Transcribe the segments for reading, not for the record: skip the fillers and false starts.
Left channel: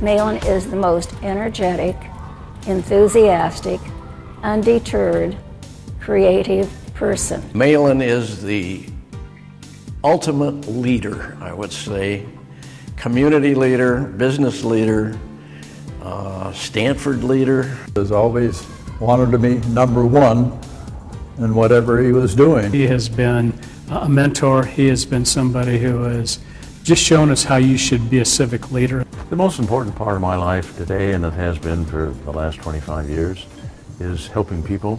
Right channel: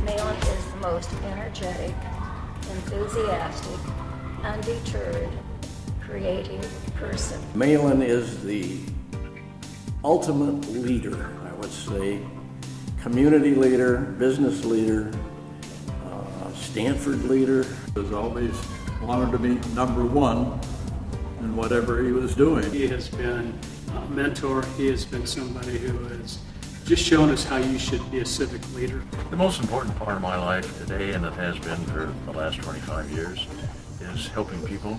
Malin is the most energetic, enthusiastic, undeterred, creative person. Malin is the ultimate leader, I would say. Community leader, business leader, Stanford leader. Has always wanted to be number one in whatever he was doing. He has been a mentor. He has been somebody who has just shown us how you should be a civic leader. The most important part of my life today, and it has been for the last 25 years, is helping people.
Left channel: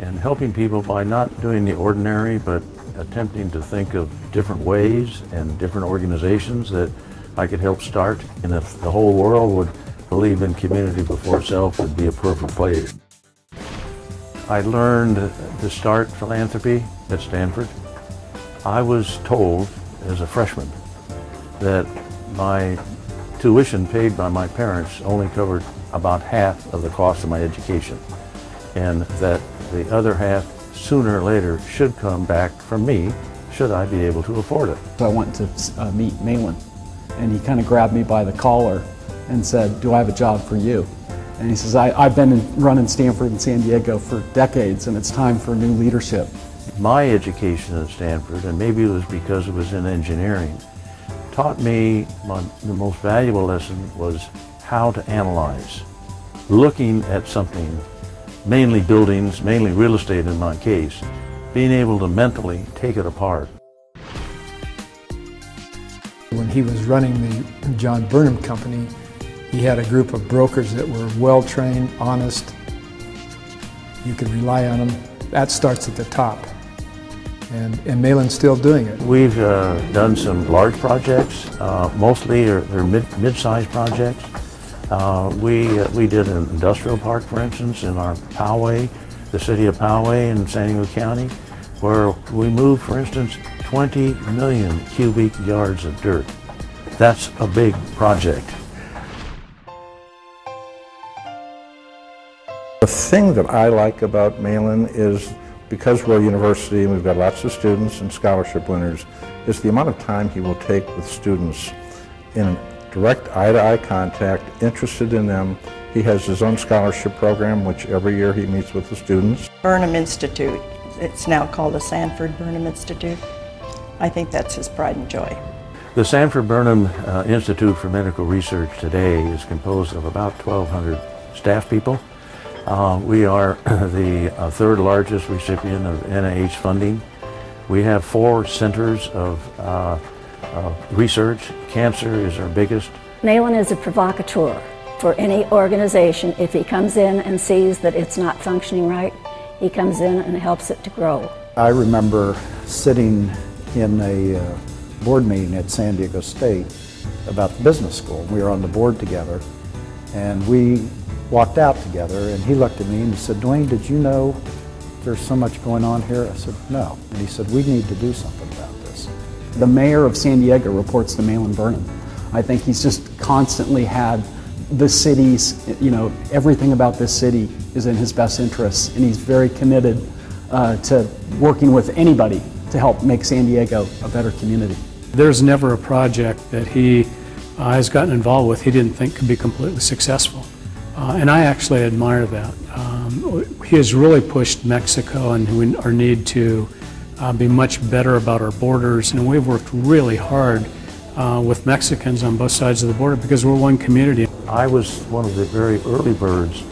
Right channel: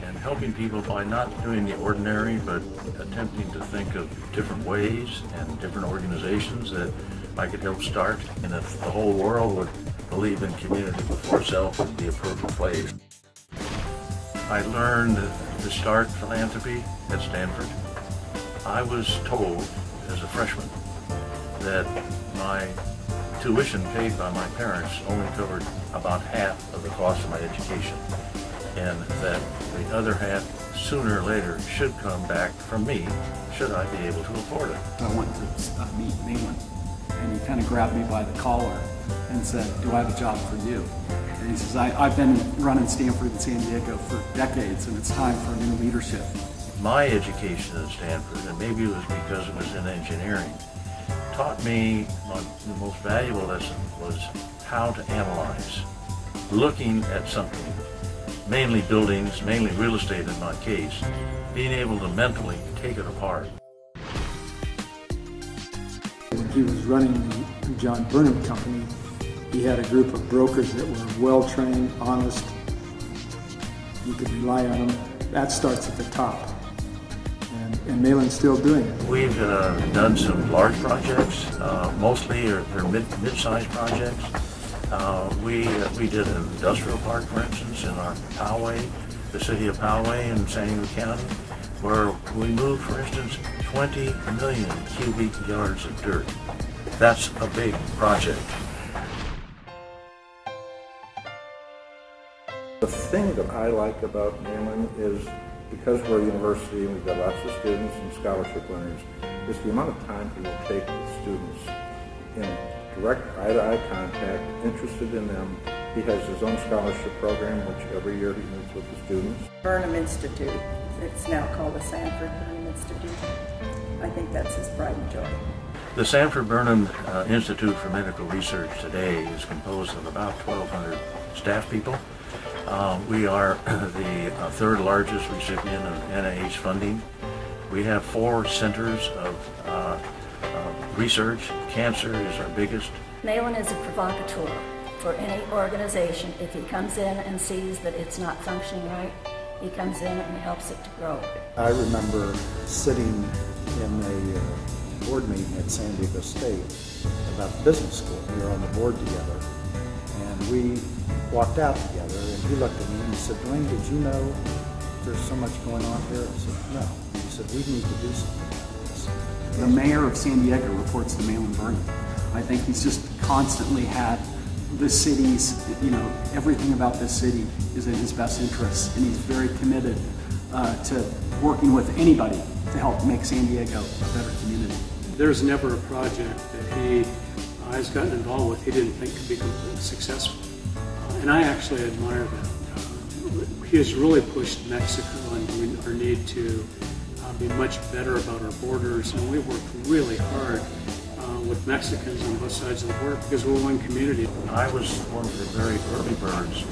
And helping people by not doing the ordinary, but attempting to think of different ways and different organizations that I could help start. And if the whole world would believe in community before self, would be a perfect place. I learned to start philanthropy at Stanford. I was told as a freshman that my tuition paid by my parents only covered about half of the cost of my education, and that the other half, sooner or later, should come back from me, should I be able to afford it. So I went to meet Malin, and he kind of grabbed me by the collar and said, "Do I have a job for you?" And he says, I've been running Stanford and San Diego for decades, and it's time for new leadership. My education at Stanford, and maybe it was because it was in engineering, taught me the most valuable lesson was how to analyze. Looking at something, mainly buildings, mainly real estate in my case, being able to mentally take it apart. When he was running the John Burnham company, he had a group of brokers that were well-trained, honest. You could rely on them. That starts at the top. And Malin's still doing it. We've done some large projects, mostly are mid-sized projects. We did an industrial park, for instance, in our Poway, the city of Poway in San Diego County, where we moved, for instance, 20 million cubic yards of dirt. That's a big project. The thing that I like about Malin is, because we're a university and we've got lots of students and scholarship winners, is the amount of time he will take with students in direct eye-to-eye contact, interested in them. He has his own scholarship program, which every year he meets with the students. Burnham Institute. It's now called the Stanford Burnham Institute. I think that's his pride and joy. The Stanford Burnham Institute for Medical Research today is composed of about 1,200 staff people. We are the third largest recipient of NIH funding. We have 4 centers of research. Cancer is our biggest. Malin is a provocateur for any organization. If he comes in and sees that it's not functioning right, he comes in and helps it to grow. I remember sitting in a board meeting at San Diego State about the business school. We were on the board together, and we walked out together, and he looked at me and he said, "Dwayne, did you know there's so much going on here?" I said, "No." And he said, "We need to do something about this." The mayor of San Diego reports to Malin Burnham. I think he's just constantly had the city's, everything about this city is in his best interests, and he's very committed to working with anybody to help make San Diego a better community. There's never a project that he has gotten involved with he didn't think could be completely successful. And I actually admire that. He has really pushed Mexico and our need to be much better about our borders, and we've worked really hard with Mexicans on both sides of the border because we're one community. I was one of the very early birds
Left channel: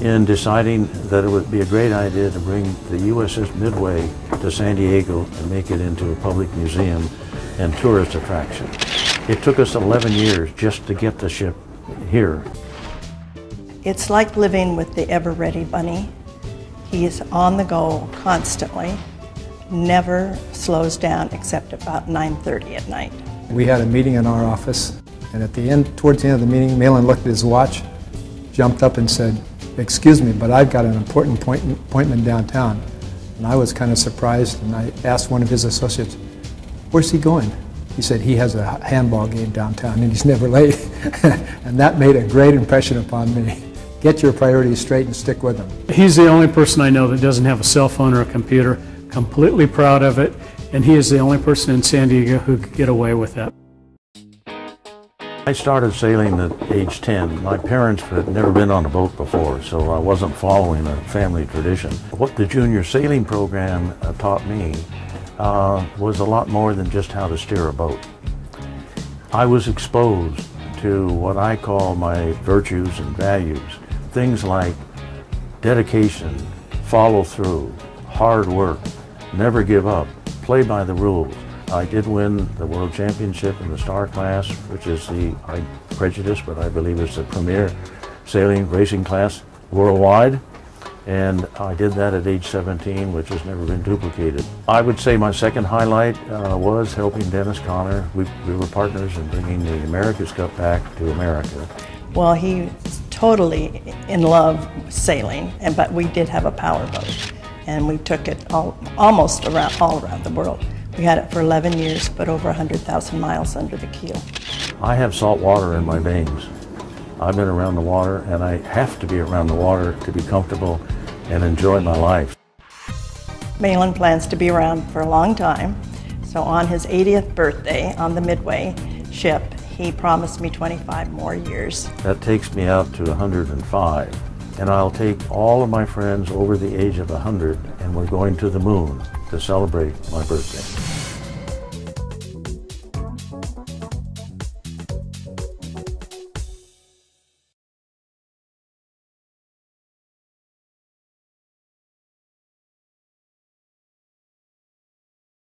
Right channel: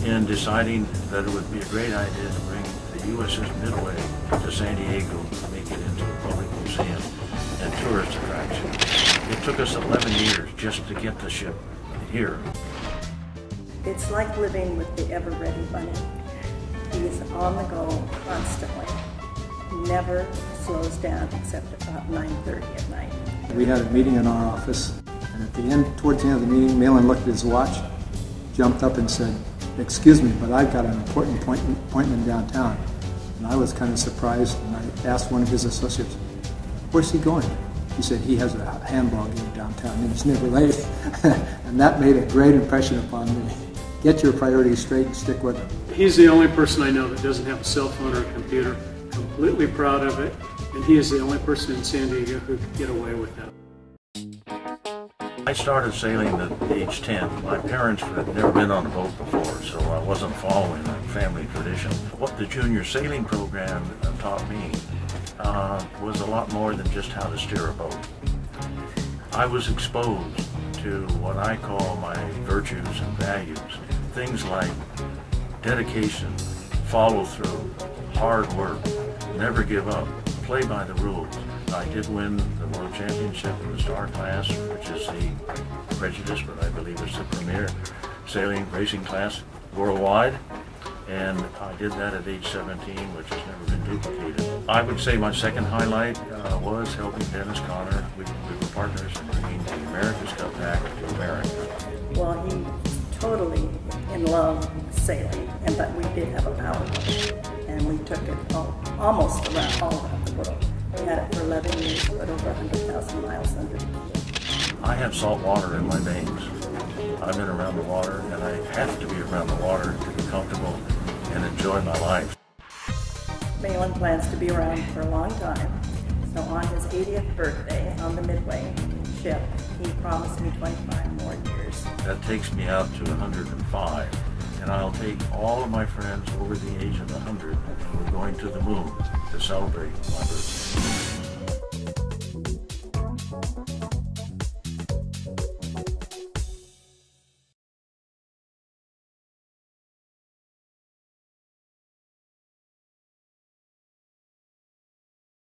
in deciding that it would be a great idea to bring the USS Midway to San Diego to make it into a public museum and tourist attraction. It took us 11 years just to get the ship here. It's like living with the ever-ready bunny. He is on the go constantly, never slows down except about 9:30 at night. We had a meeting in our office, and towards the end of the meeting, Malin looked at his watch, jumped up and said, "Excuse me, but I've got an important appointment downtown. And I was kind of surprised, and I asked one of his associates, "Where's he going?" He said he has a handball game downtown and he's never late. And that made a great impression upon me. Get your priorities straight and stick with them. He's the only person I know that doesn't have a cell phone or a computer, completely proud of it, and he is the only person in San Diego who could get away with that. I started sailing at age 10. My parents had never been on a boat before, so I wasn't following a family tradition. What the junior sailing program taught me was a lot more than just how to steer a boat. I was exposed to what I call my virtues and values. Things like dedication, follow through, hard work, never give up, play by the rules. I did win the World Championship in the Star class, which is I'm prejudiced, but I believe it's the premier sailing racing class worldwide. And I did that at age 17, which has never been duplicated. I would say my second highlight was helping Dennis Conner. We were partners in bringing the America's Cup back to America. Well, he was totally in love with sailing, but we did have a power boat, and we took it almost all around the world. We had it for 11 years, but over 100,000 miles under the keel. I have salt water in my veins. I've been around the water, and I have to be around the water to be comfortable and enjoy my life. Malin plans to be around for a long time, so on his 80th birthday on the Midway ship, he promised me 25 more years. That takes me out to 105, and I'll take all of my friends over the age of 100, and we're going to the moon to celebrate my birthday.